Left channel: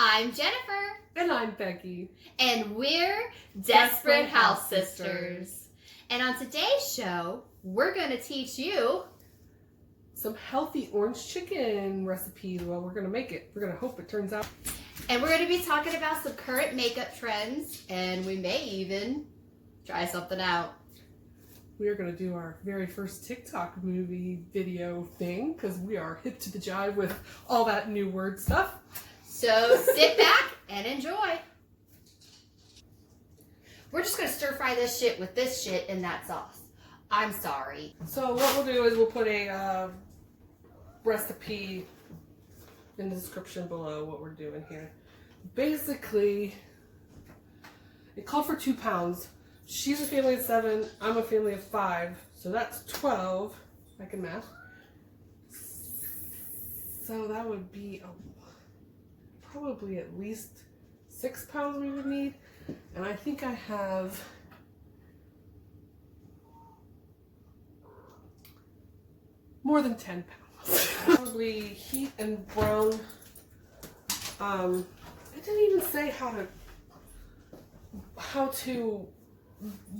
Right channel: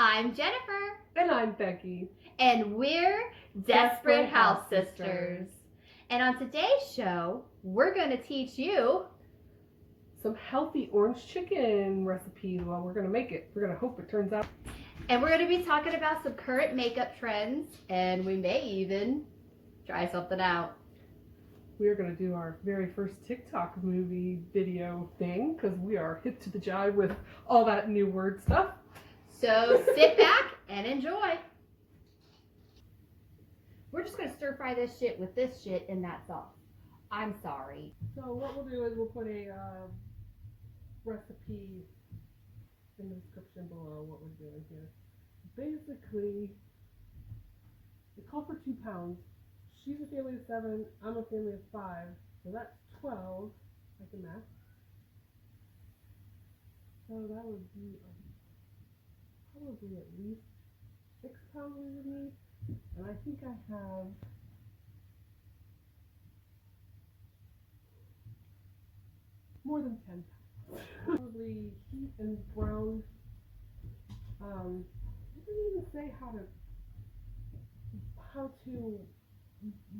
I'm Jennifer. And I'm Becky. And we're Desperate House Sisters. And on today's show, we're going to teach you some healthy orange chicken recipes. Well, we're going to make it. We're going to hope it turns out. And we're going to be talking about some current makeup trends. And we may even try something out. We are going to do our very first TikTok movie video thing because we are hip to the jive with all that new word stuff. So sit back and enjoy. We're just going to stir fry this shit with this shit in that sauce. I'm sorry. So what we'll do is we'll put a recipe in the description below what we're doing here. Basically, it called for 2 pounds. She's a family of 7. I'm a family of 5. So that's 12. I can math. So that would be probably at least 6 pounds we would need. And I think I have more than 10 pounds. Probably heat and brown. It didn't even say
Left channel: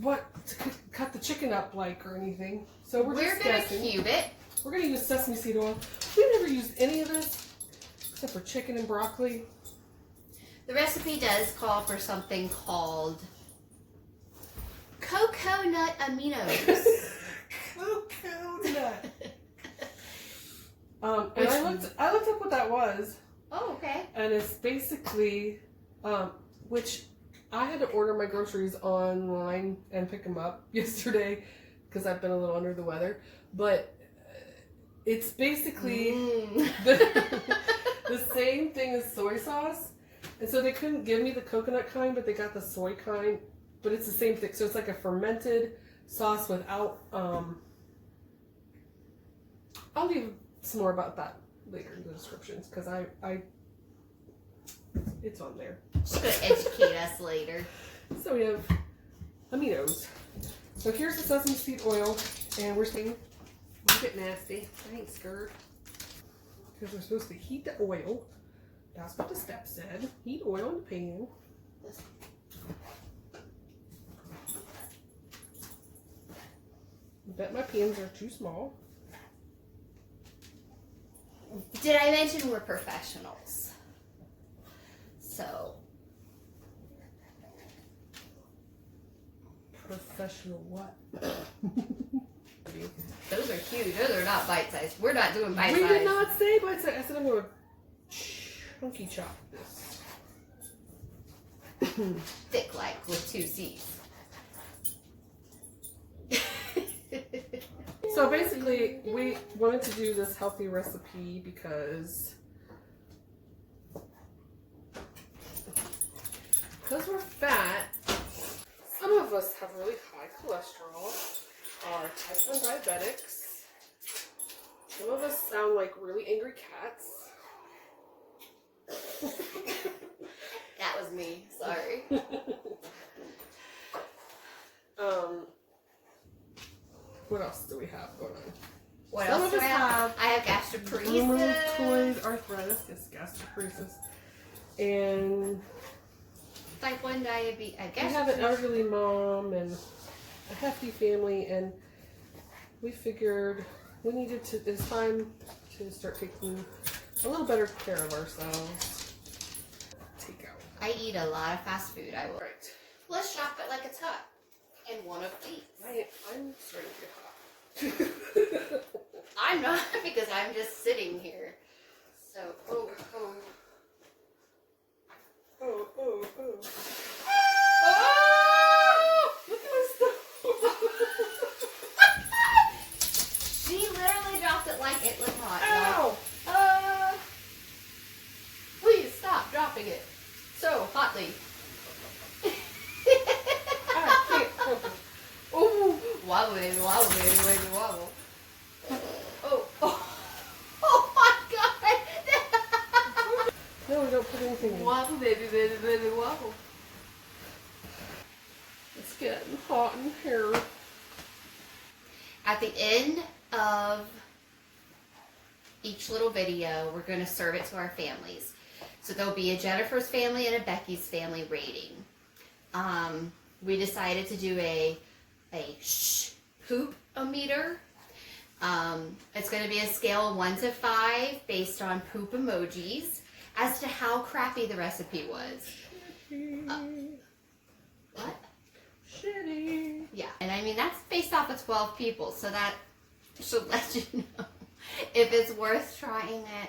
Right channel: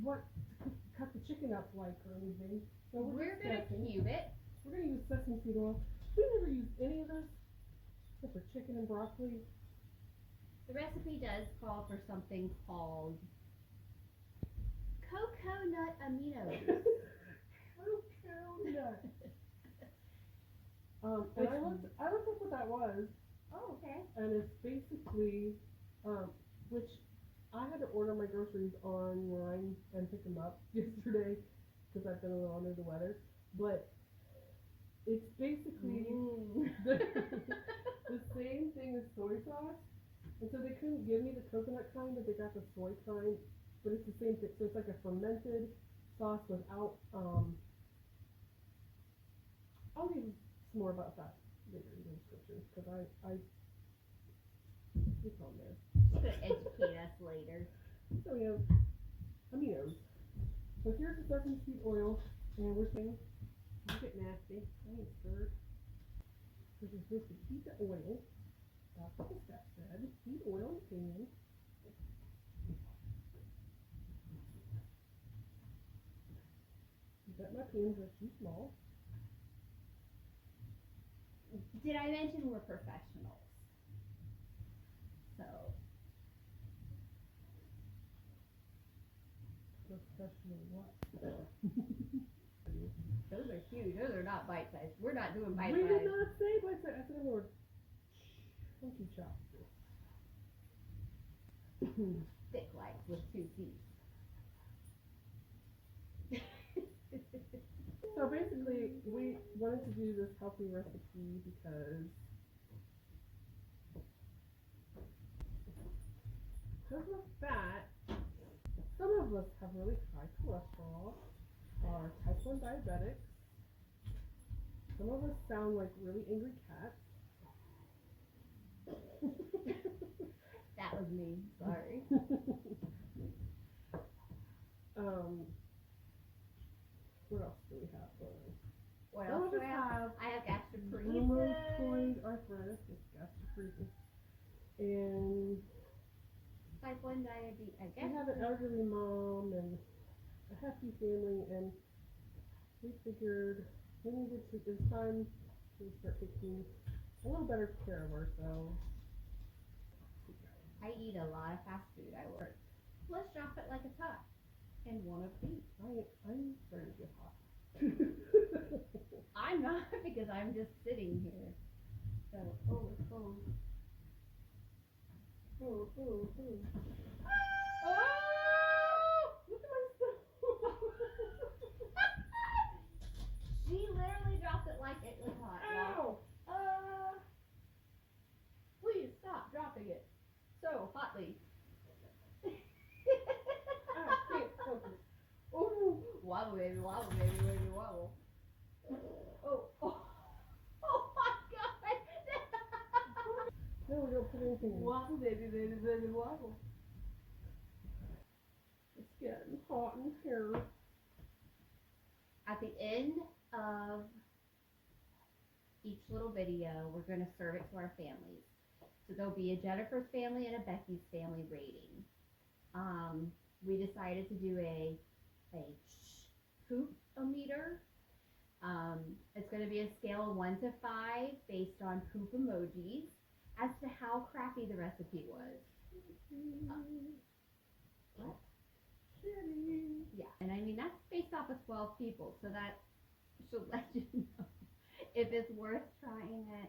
what to cut the chicken up like or anything. So we're just guessing. Gonna cube it. We're gonna use sesame seed oil. We've never used any of this except for chicken and broccoli. The recipe does call for something called coconut aminos. Coconut. And I looked up what that was. Oh, okay. And it's basically, which I had to order my groceries online and pick them up yesterday because I've been a little under the weather. But it's basically the same thing as soy sauce. And so they couldn't give me the coconut kind, but they got the soy kind. But it's the same thing. So it's like a fermented sauce without, I'll leave some more about that later in the descriptions because it's on there. She's going to educate us later. So we have aminos. So here's the sesame seed oil, and we're saying, don't get nasty. I ain't scared. Because we're supposed to heat the oil. That's what the step said. Heat oil in the pan. I bet my pans are too small. Did I mention we're professionals? So. Professional what? Those are cute. Those are not bite-sized. We're not doing bite-sized. We did not say bite-sized. I said I'm going to chunky chop this. Thick like with 2 C's. So basically, we wanted to do this healthy recipe because we're fat. Some of us have really high cholesterol, are type 1 diabetics. Some of us sound like really angry cats. That was me. Sorry. What else do we have going on? What Some else of do us I have? have I have gastroparesis. rheumatoid arthritis, yes, gastroparesis, and Type 1 diabetes. we have an elderly mom and a hefty family, and we figured we needed to. It's time to start taking a little better care of ourselves. Take out. I eat a lot of fast food. I will. Right. Let's shop it like it's hot. And one of these. I'm starting to get hot. I'm not because I'm just sitting here. So, oh. Oh! Oh! Look at my stuff. She literally dropped it like it was hot. Ow! Please stop dropping it so hotly. I can't focus. Oh, wobble, baby, wobble, baby, baby, wobble. Oh my God! No, we don't put anything in. Wobble, baby, baby, baby, wobble. It's getting hot in here. At the end of each little video, we're going to serve it to our families. So there'll be a Jennifer's family and a Becky's family rating. We decided to do a poop-o-meter. It's going to be a scale of 1 to 5 based on poop emojis as to how crappy the recipe was. What? Shitty. Yeah, and I mean that's based off of 12 people, so that should let you know if it's worth trying it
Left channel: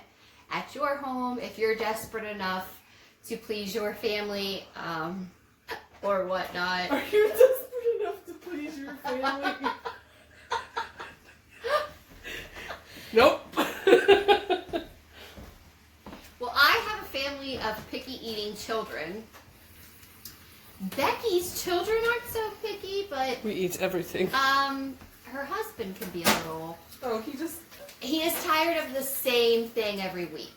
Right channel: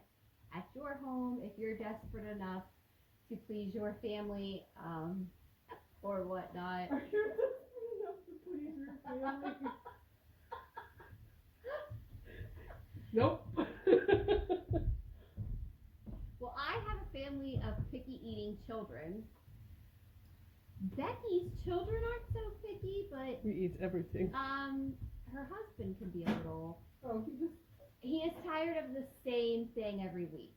at your home, if you're desperate enough to please your family, or whatnot. Are you desperate enough to please your family? Nope. Well, I have a family of picky eating children. Becky's children aren't so picky, but We eat everything. her husband can be a little. Oh, He is tired of the same thing every week.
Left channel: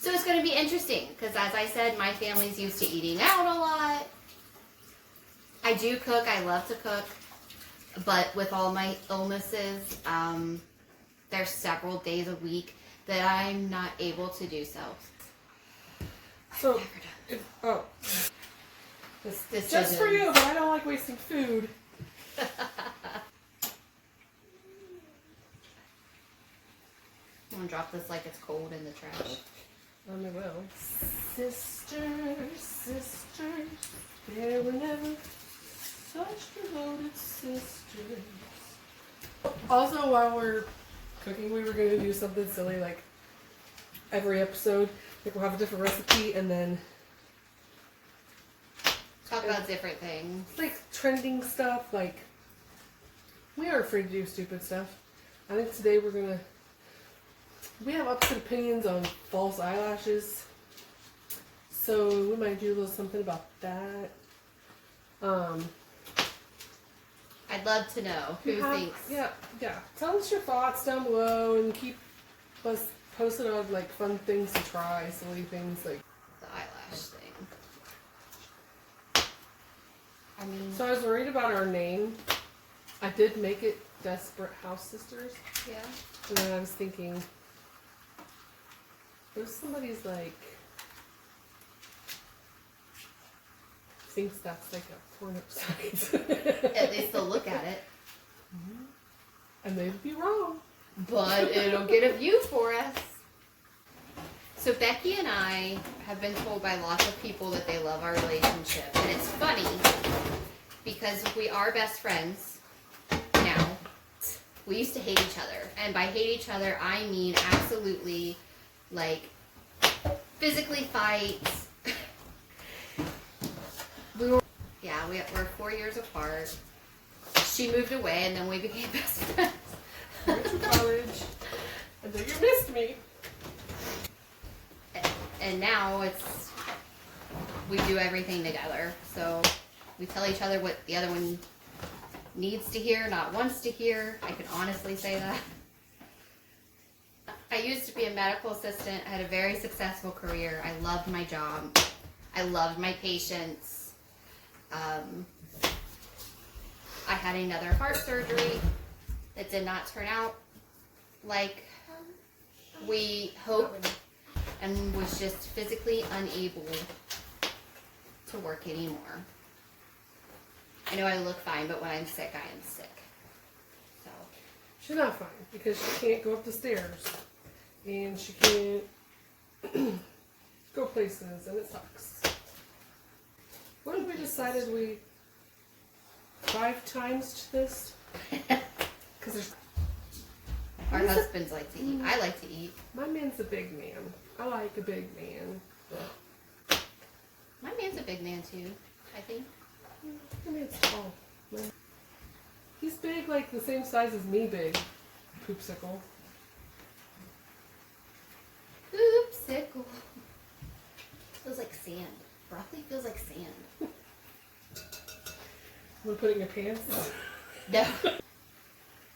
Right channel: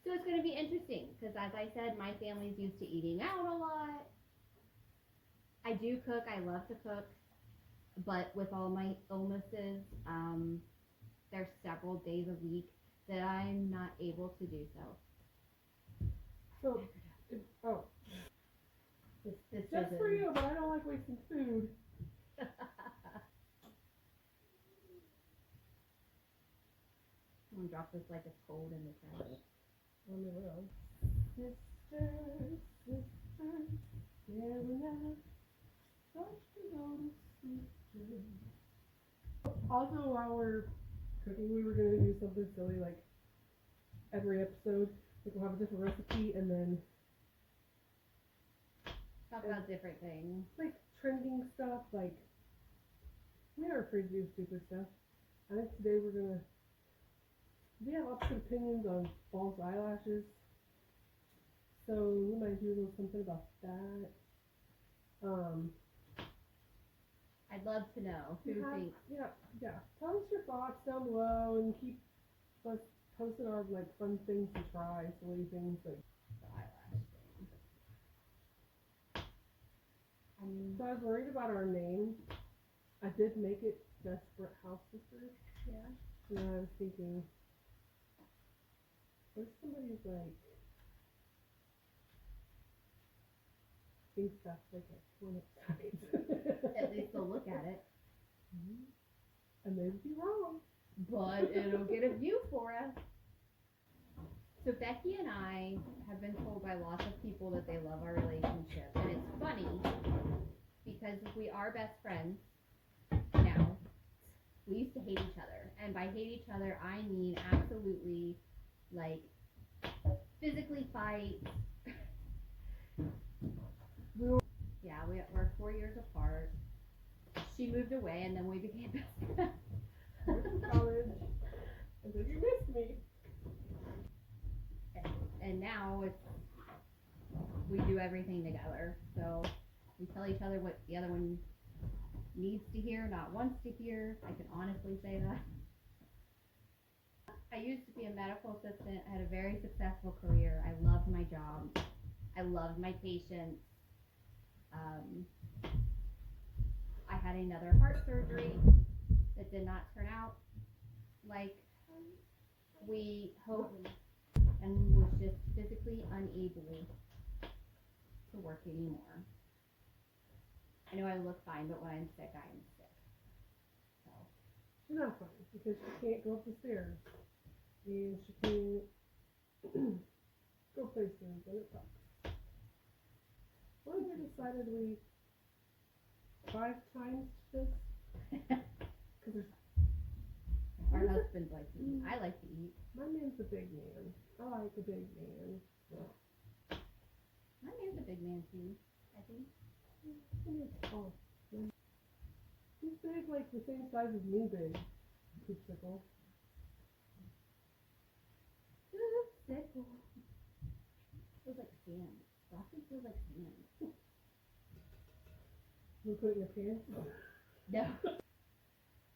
So it's going to be interesting because, as I said, my family's used to eating out a lot. I do cook. I love to cook. But with all my illnesses, there's several days a week that I'm not able to do so. So, This just for you, but I don't like wasting food. I'm going to drop this like it's cold in the trash. I will. Sisters, there were never such devoted sisters. Also, while we're cooking, we were going to do something silly like every episode. Like we'll have a different recipe and then Talk about different things. like trending stuff. Like we aren't afraid to do stupid stuff. I think today we have opposite opinions on false eyelashes. So we might do a little something about that. I'd love to know who thinks. Yeah. Tell us your thoughts down below and keep us posted on like fun things to try, silly things like. The eyelash thing. I mean, So I was worried about our name. I did make it Desperate House Sisters, yeah. and then I was thinking, what if somebody's like thinks that's like a porno site? At least they'll look at it. And they'd be wrong. But it'll get a view for us. So Becky and I have been told by lots of people that they love our relationship. And it's funny because we are best friends now. We used to hate each other. And by hate each other, I mean absolutely like physically fight. We're 4 years apart. She moved away and then we became best friends. Went to college, and then you missed me. And now we do everything together. So we tell each other what the other one needs to hear, not wants to hear. I can honestly say that. I used to be a medical assistant. I had a very successful career. I loved my job. I loved my patients. I had another heart surgery that did not turn out like we hoped, and was just physically unable to work anymore. I know I look fine, but when I'm sick, I am sick. So She's not fine because she can't go up the stairs, and she can't go places, and it sucks. What if we decided 5 times to this? Because there's. our husbands like to eat. I like to eat. My man's a big man. I like a big man. My man's a big man too, I think. My man's tall. He's big, like the same size as me big. Poopsicle. Poopsicle. Feels like sand. Broccoli feels like sand. Want to put it in your pants? No.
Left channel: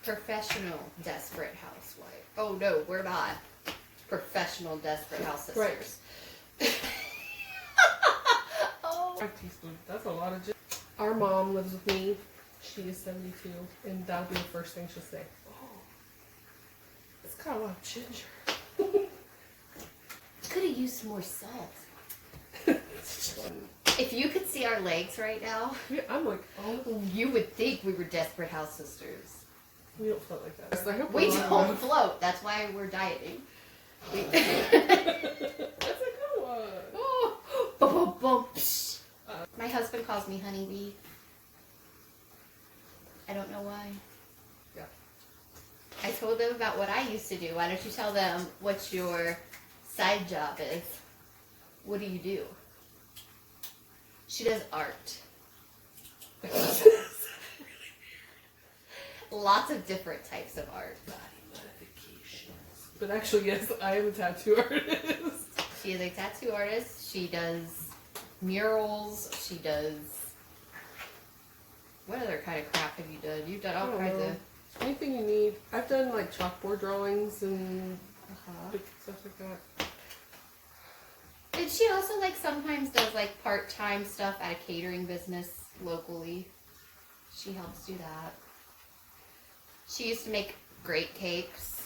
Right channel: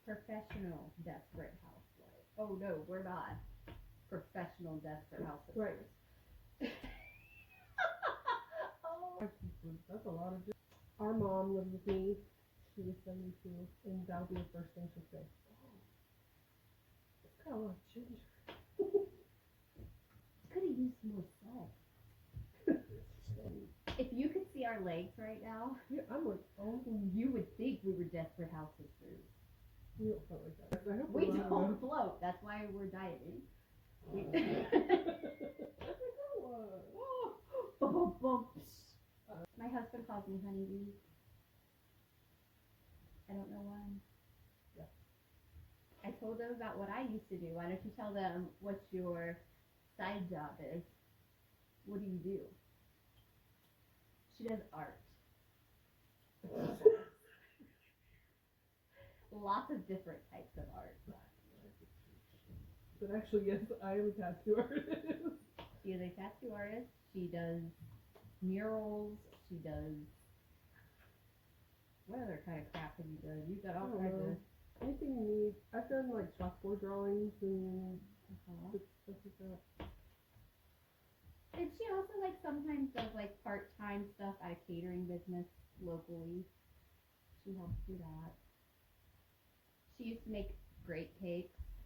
Professional desperate housewife. Oh no, we're not. Professional desperate house sisters. Right. Oh. 5 teaspoons. That's a lot of ginger. Our mom lives with me. She is 72, and that'll be the first thing she'll say. Oh, it's got a lot of ginger. Could have used more salt. If you could see our legs right now, Yeah, I'm like, oh, you would think we were desperate house sisters. we don't float like that. I hope We we're don't not. float. That's why we're dieting. That's a good one. Oh, boom, boom, boom. Psh. My husband calls me honeybee. I don't know why. Yeah. I told them about what I used to do. Why don't you tell them what your side job is? What do you do? She does art. Lots of different types of art. But actually, yes, I am a tattoo artist. She is a tattoo artist. She does murals. She does... What other kind of craft have you done? You've done all kinds of... Anything you need. I've done like chalkboard drawings and big stuff like that. And she also like sometimes does like part-time stuff at a catering business locally. She helps do that. She used to make great cakes,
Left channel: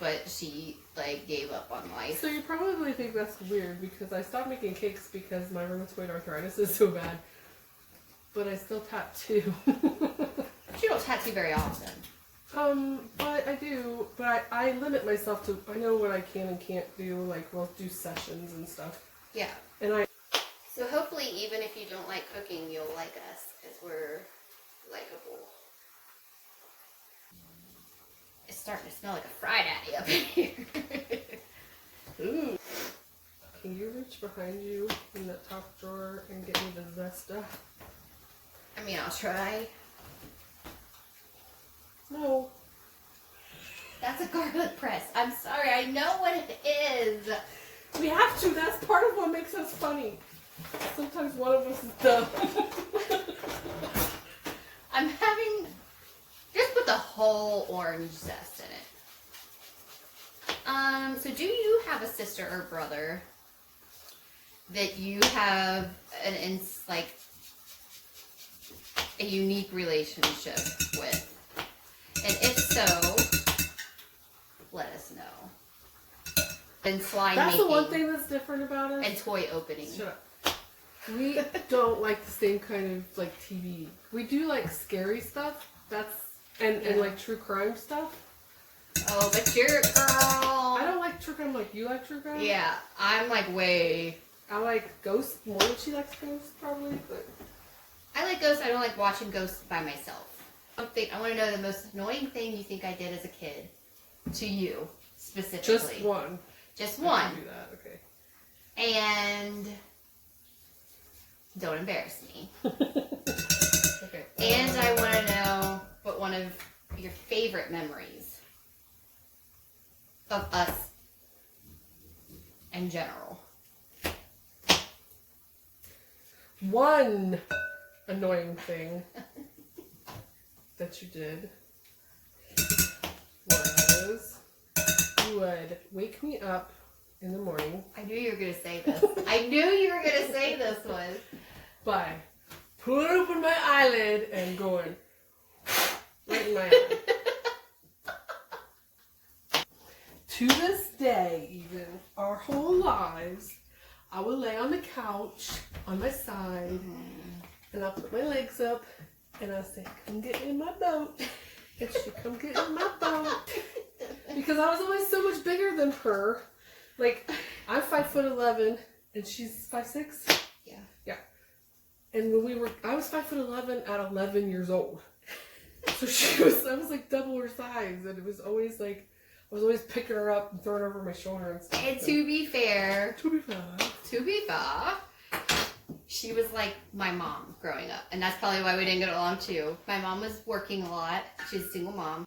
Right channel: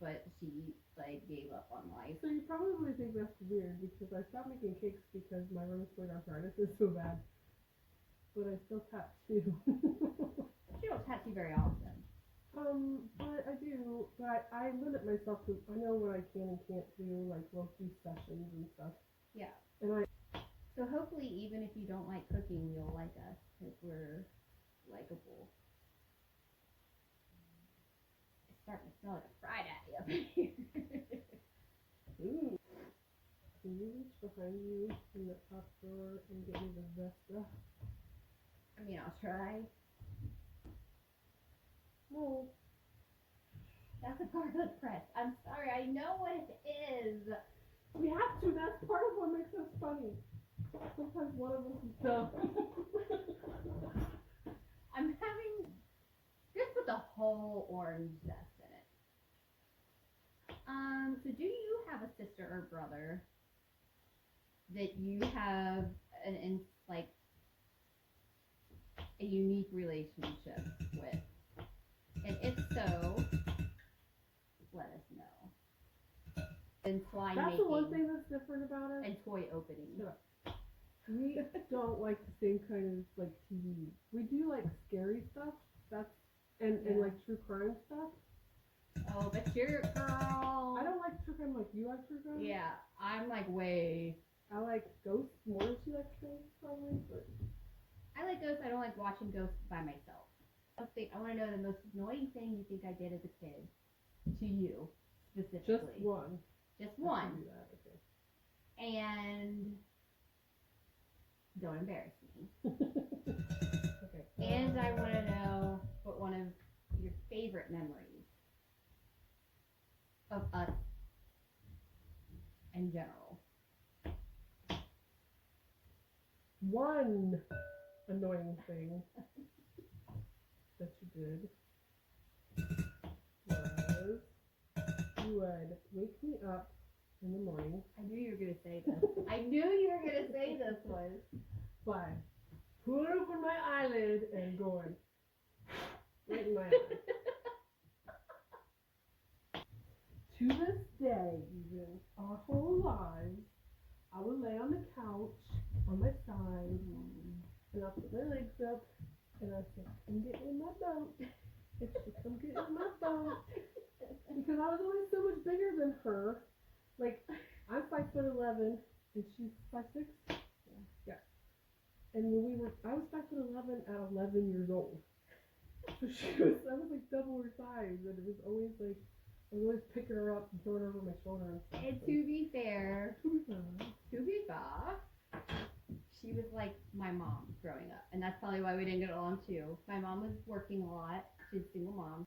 but she like gave up on life. So you probably think that's weird because I stopped making cakes because my rheumatoid arthritis is so bad. But I still tattoo. She don't tattoo very often. But I do. But I limit myself to, I know what I can and can't do. Like, we'll do sessions and stuff. Yeah. And So hopefully even if you don't like cooking, you'll like us because we're likable. It's starting to smell like a fried addy up in here. Ooh. Can you reach behind you in that top drawer and get me the Zesta? I mean, I'll try. No. That's a garlic press. I'm sorry. I know what it is. We have to. That's part of what makes us funny. Sometimes one of us is dumb. I'm having... Just put the whole orange zest in it. So do you have a sister or brother that you have like a unique relationship with? And if so, let us know. And slime That's making. the one thing that's different about us. And toy opening. Shut up. We don't like the same kind of like TV. We do like scary stuff. And like true crime stuff. Oh, but you're a girl. I don't like true crime like you like true crime. Yeah, I'm like way... I like ghosts more than she likes ghosts probably, but... I like ghosts. I don't like watching ghosts by myself. I want to know the most annoying thing you think I did as a kid. To you, specifically. Just one. Just one. I can do that, okay. And don't embarrass me. Okay. And I want to know what one of your favorite memories of us in general. One annoying thing that you did was you would wake me up in the morning I knew you were going to say this. I knew you were going to say this one. by pulling open my eyelid and going right in my eye. To this day, even, our whole lives, I would lay on the couch on my side and I'll put my legs up and I'll say, come get in my boat. And she'd come get in my boat. Because I was always so much bigger than her. Like, I'm 5'11" and she's 5'6". Yeah. Yeah. And when I was 5'11" at 11 years old. So I was like double her size, and it was always like, I was always picking her up and throwing her over my shoulder and stuff. And to be fair, she was like my mom growing up, and that's probably why we didn't get along too. My mom was working a lot. She's a single mom.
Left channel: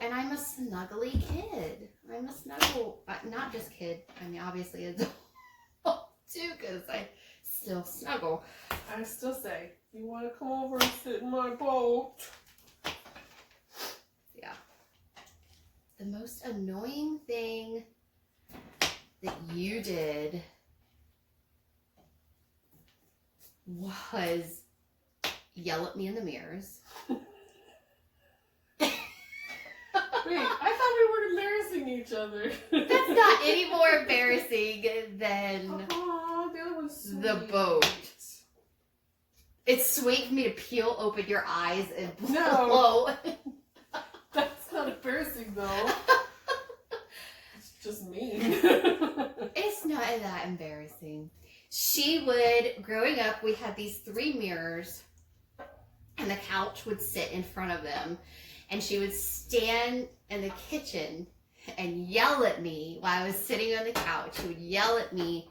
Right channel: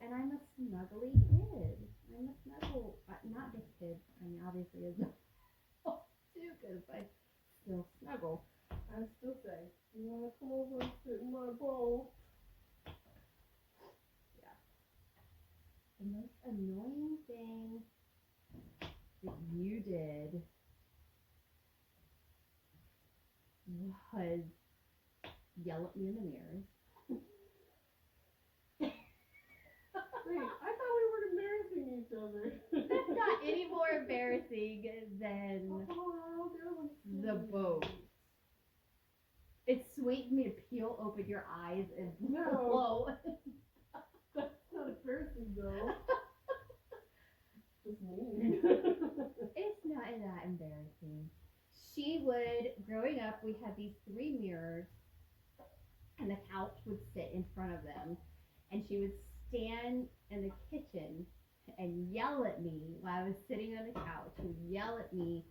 And I'm a snuggly kid. I'm a snuggle, not just kid. I mean, obviously adult too, because I still snuggle. I still say, you want to come over and sit in my boat? Yeah. The most annoying thing that you did was yell at me in the mirrors. Wait, I thought we were embarrassing each other. That's not any more embarrassing than Oh, the other one's so the boat. It's sweet for me to peel open your eyes and blow. No. That's not embarrassing though. It's just mean. It's not that embarrassing. She would, growing up, we had these 3 mirrors, and the couch would sit in front of them, and she would stand in the kitchen and yell at me while I was sitting on the couch. She would yell at me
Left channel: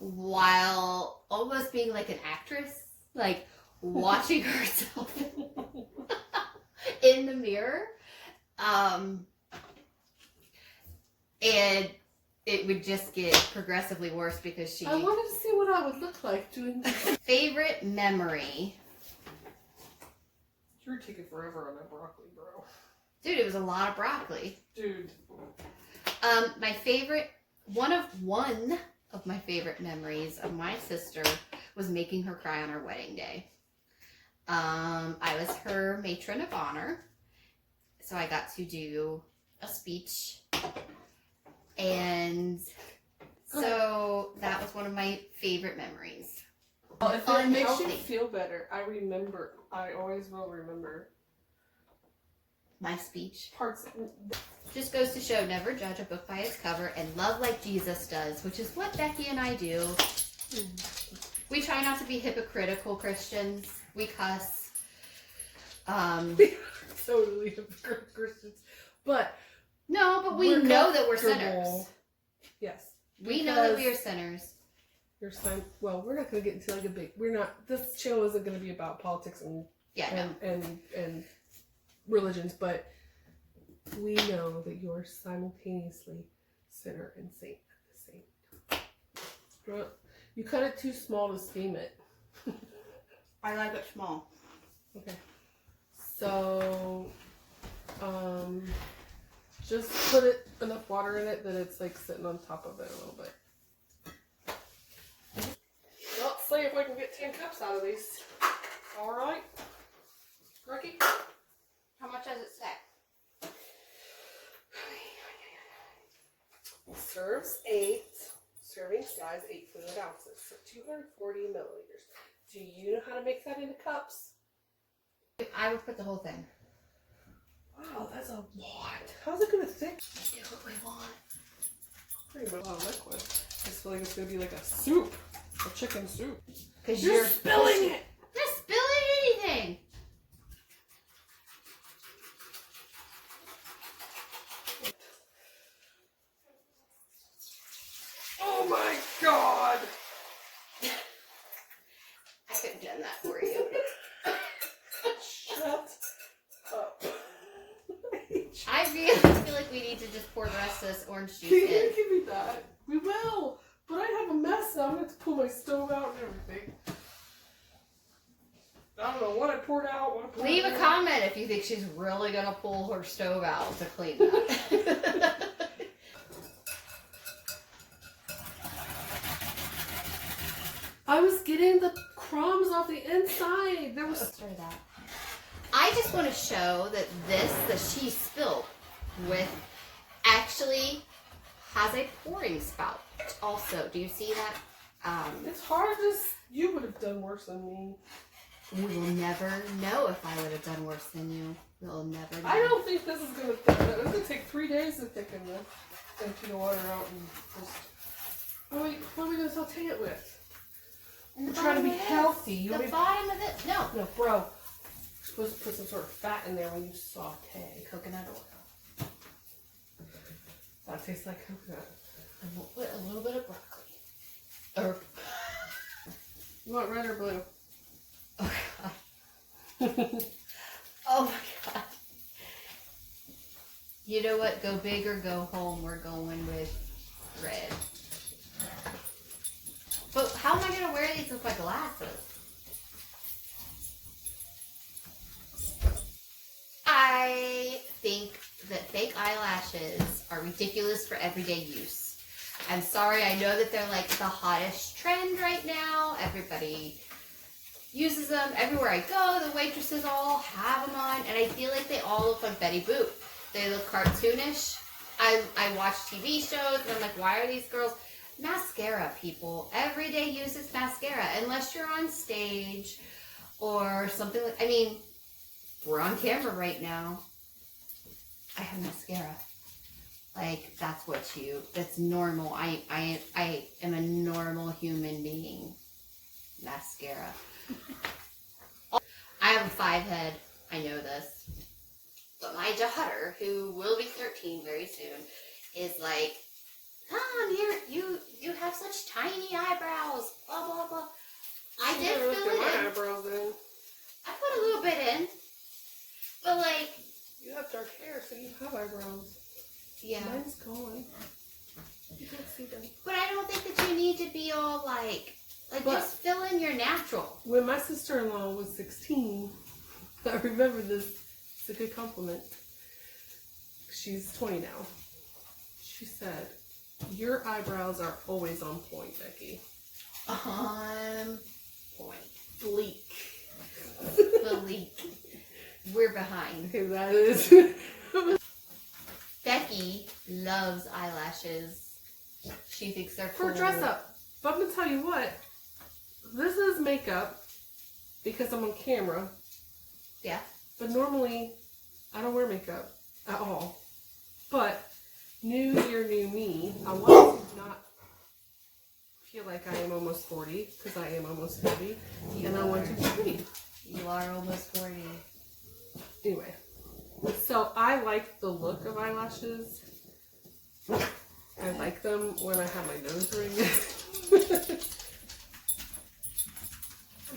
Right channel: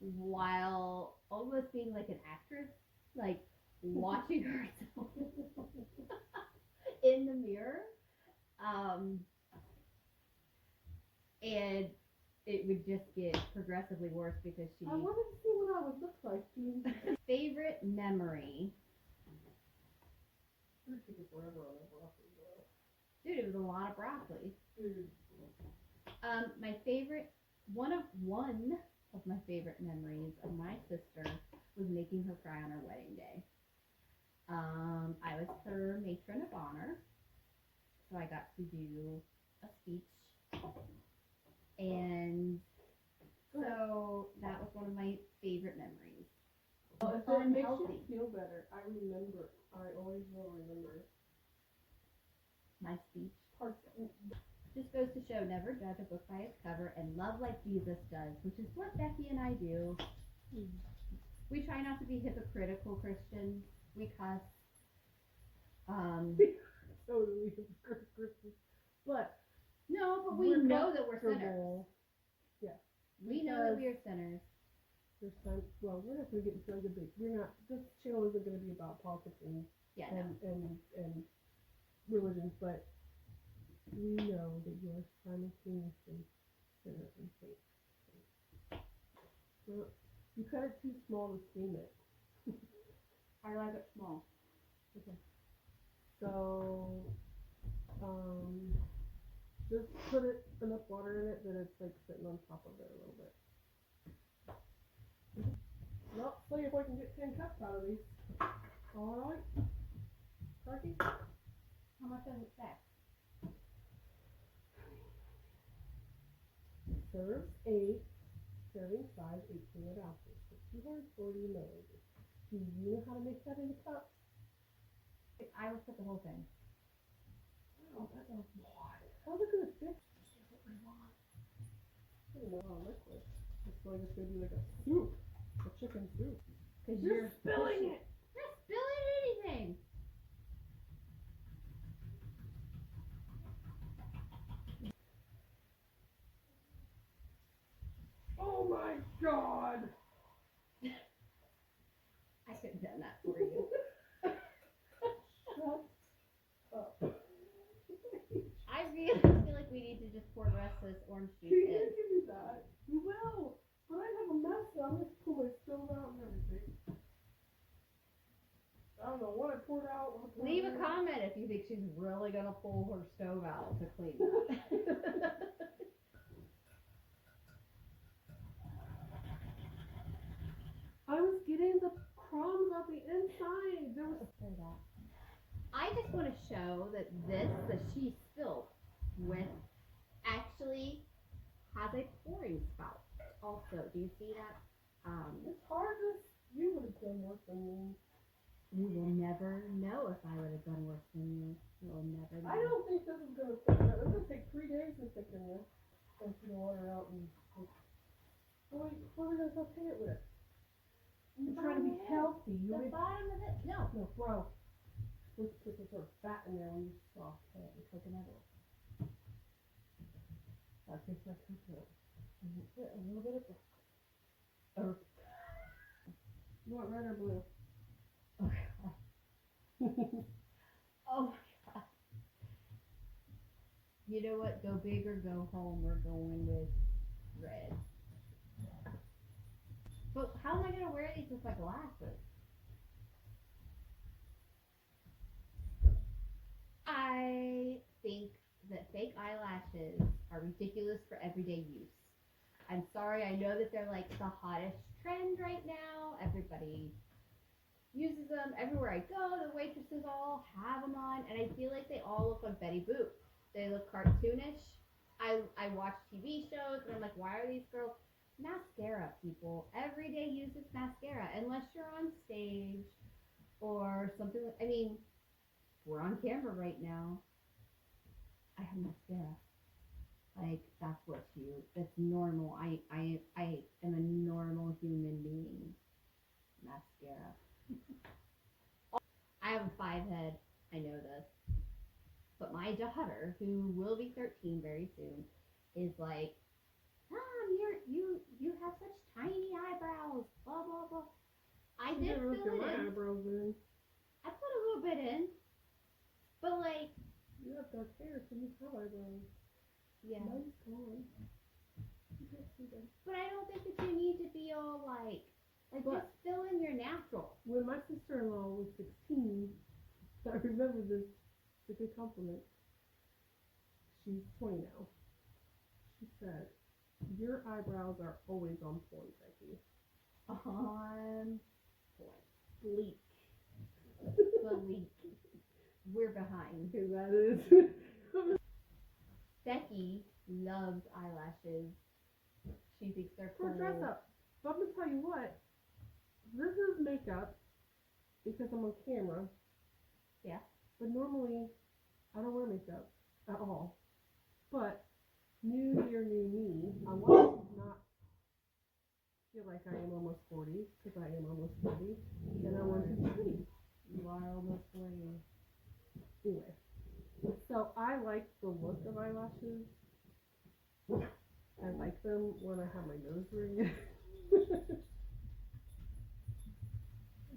while almost being like an actress, like watching herself in the mirror. And it would just get progressively worse because she... I wanted to see what I would look like doing this. Favorite memory. You're taking forever on that broccoli, bro. Dude, it was a lot of broccoli. Dude. My favorite, one of my favorite memories of my sister was making her cry on her wedding day. I was her matron of honor, so I got to do a speech, and so that was one of my favorite memories. Well, if it makes you Unhealthy. feel better, I always will remember My speech parts. just goes to show, never judge a book by its cover and love like Jesus does, which is what Becky and I do. We try not to be hypocritical Christians. We cuss. Totally hypocritical Christians. But No, but we we're know that we're comfortable. sinners. Yes. We know that we are sinners. Your son. Well, we're not going to get into like a big. We're not. This show isn't going to be about politics and Yeah, no. and religions, but we know that you are simultaneously sinner and saint at the same time. You cut it too small to steam it. I like it small. Okay. So, just put enough water in it that it's like sitting on top of it a little bit. Let's see if we can get 10 cups out of these. All right, Ricky? How much does it say? Serves 8, serving size 8 fluid ounces, so 240 milliliters. Do you know how to make that into cups? I would put the whole thing. Wow, that's a lot. How's it gonna thick? Do what we want. Pretty much a lot of liquid. I just feel like it's gonna be like a soup, a chicken soup. Because You're spilling it. You're spilling anything. Oh my god! I could have done that for you. Shut up. I really feel like we need to just pour the rest of this orange juice Can you in. give me that? We will. But I have a mess now. I'm going to have to pull my stove out and everything. I don't know what I poured out. What I poured Leave a out. comment if you think she's really going to pull her stove out to clean that. I was getting the crumbs off the inside. There was. Sorry that. I just want to show that this that she spilled with actually has a pouring spout. Also, do you see that? It's hard to. You would have done worse than me. We will never know if I would have done worse than you. We'll never know. I don't think this is gonna thicken it. It's gonna take 3 days to thicken this. Empty the water out and just. Oh wait, what are we gonna saute it with? And the We're trying to be bottom of healthy. this, You the want me- bottom of it. No. No, bro. You're supposed to put some sort of fat in there when you saute. Coconut oil. That tastes like coconut. And we'll put a little bit of broccoli. Or You want red or blue? oh god. Oh my god. You know what? Go big or go home. We're going with red. But how am I gonna wear these with my glasses? I think that fake eyelashes are ridiculous for everyday use. I'm sorry, I know that they're like the hottest trend right now. Everybody uses them. Everywhere I go, the waitresses all have them on, and I feel like they all look like Betty Boop. They look cartoonish. I watch TV shows, and I'm like, why are these girls? mascara, people. Every day uses mascara, unless you're on stage or something like, I mean, we're on camera right now. I have mascara. Like, that's normal. I am a normal human being. Mascara. I have a 5 head. I know this. But my daughter, who will be 13 very soon, is like, Mom, you have such tiny eyebrows. Blah, blah, blah. I did fill it my in. eyebrows in. I put a little bit in. But like... You have dark hair, so you have eyebrows. Yeah. Mine's gone. You can't see them. But I don't think that you need to be all like But just fill in your natural. when my sister-in-law was 16, I remember this. It's a good compliment. She's 20 now. She said, "Your eyebrows are always on point, Becky." On point. Bleak. Bleak. We're behind. Okay, that is. Becky loves eyelashes. She thinks they're cool. For dress up. But I'm gonna tell you what. This is makeup because I'm on camera. Yeah. But normally, I don't wear makeup at all. But new year, new me. I want to not feel like I am almost 40 because I am almost 40, and I want to be pretty. You are almost 40. Anyway, so I like the look of eyelashes. I like them when I have my nose ring.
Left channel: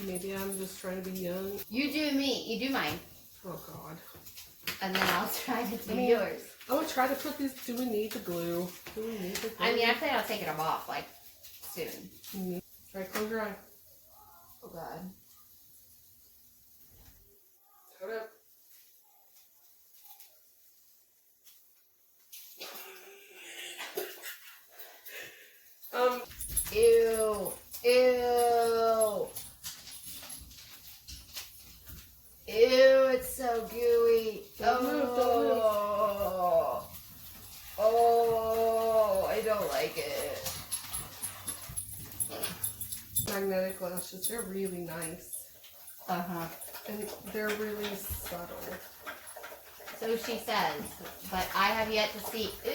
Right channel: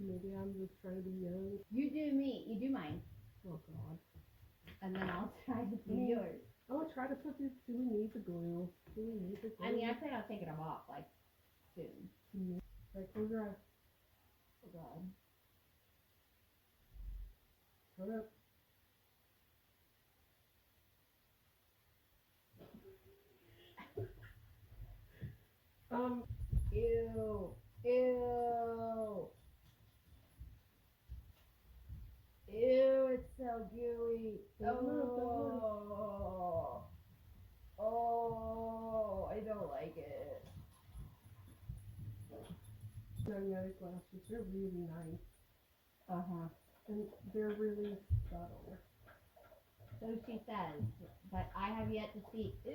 Maybe I'm just trying to be young. You do me. You do mine. Oh God. And then I'll try to do yours. I'm gonna try to put these. Do we need the glue? Do we need the glue? I mean, I plan on taking them off like soon. Try close your eye. Oh God. Hold up. Ew. Ew. Ew, it's so gooey. Don't move, don't move. Oh, I don't like it. Magnetic lashes. They're really nice. Uh-huh. And they're really subtle. So she says, but I have yet to see. Ew!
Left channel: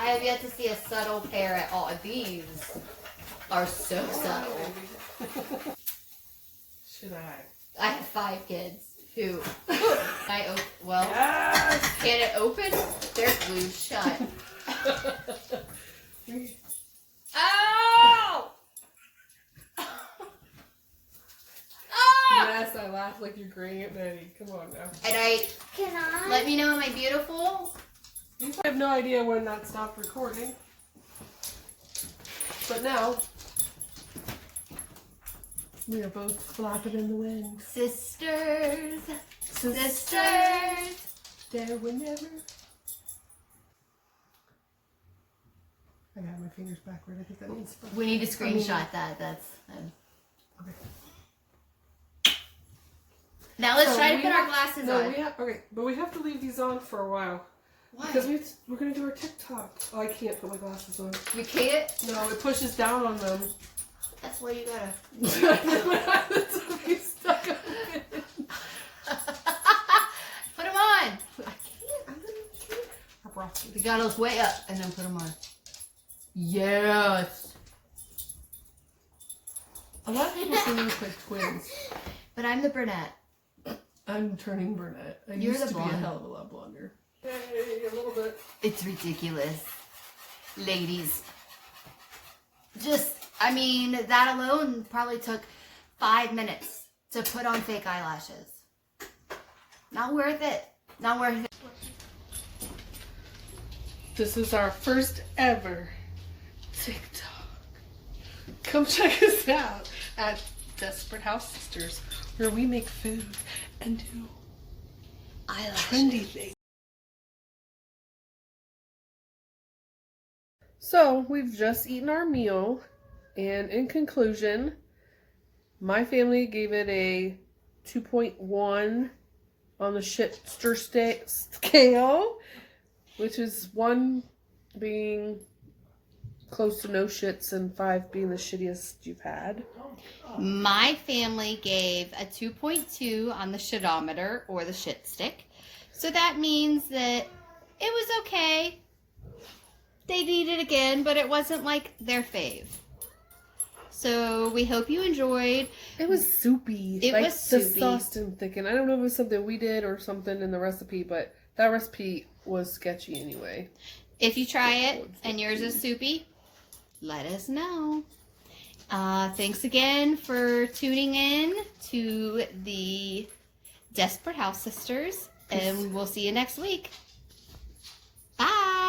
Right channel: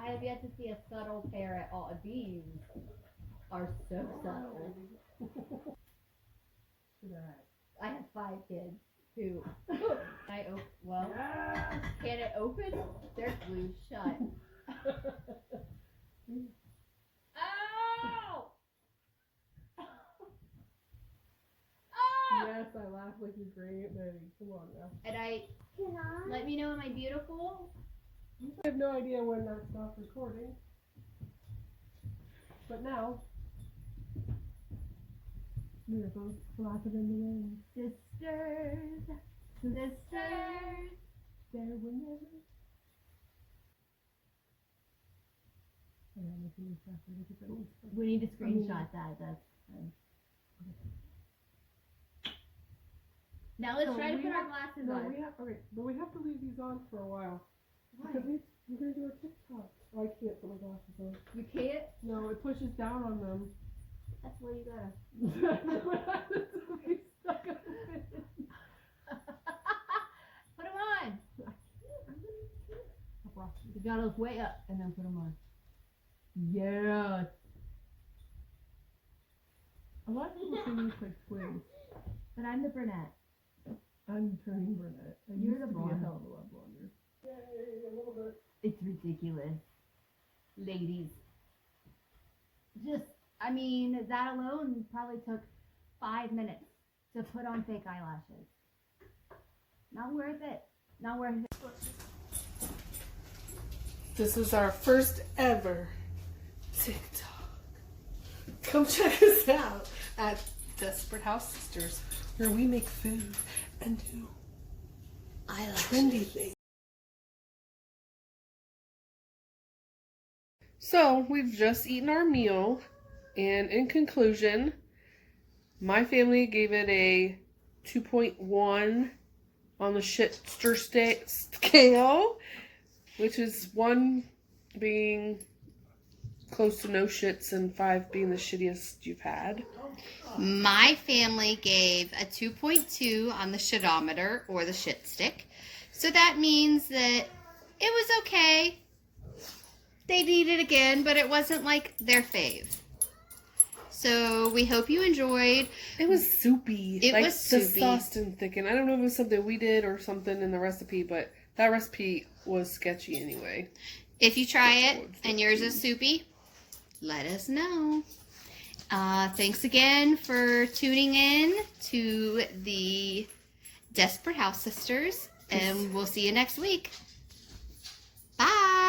I have yet to see a subtle pair at all. These are so subtle. Should I? I have 5 kids who well, Yes! can it open? They're glued shut. Oh! Yes, I laugh like you're graying at Betty. Come on now. And Can I? let me know, am I beautiful? I have no idea when that stopped recording. But now, we are both flapping in the wind. Sisters. Sisters. There whenever. I got my fingers backward. I think that means. We need to screenshot that. That's. Okay. Now let's So try to we put our have- glasses No, on. we have. Okay, but we have to leave these on for a while. Why? Because we're going to do our TikTok. Oh, I can't put my glasses on. You can't? No, it pushes down on them. That's why you gotta. Be stuck on it. Put them on. I can't. I'm going to can't. I brought We got those way up and then put them on. Yes. A lot of people say we look like twins. But I'm the brunette. I'm turning brunette. I You're used the to be blonde. a hell of a lot blonder. Hey, a little bit. It's ridiculous. Ladies. Just, I mean, that alone probably took 5 minutes to put on fake eyelashes. Not worth it. Not worth it. This is our first ever TikTok. Come check us out at Desperate House Sisters, where we make food and do Eyelashes. trendy things. So, we've just eaten our meal, and in conclusion, my family gave it a 2.1 on the shitster scale. which is 1 being close to no shits and 5 being the shittiest you've had. My family gave a 2.2 on the shitometer, or the shit stick. So that means that it was okay. They'd eat it again, but it wasn't like their fave. So we hope you enjoyed. It was soupy. It was the soupy. sauce didn't thicken. I don't know if it was something we did or something in the recipe, but that recipe was sketchy anyway. If you try it and yours is soupy, let us know. Thanks again for tuning in to the Desperate House Sisters, and we'll see you next week. Bye.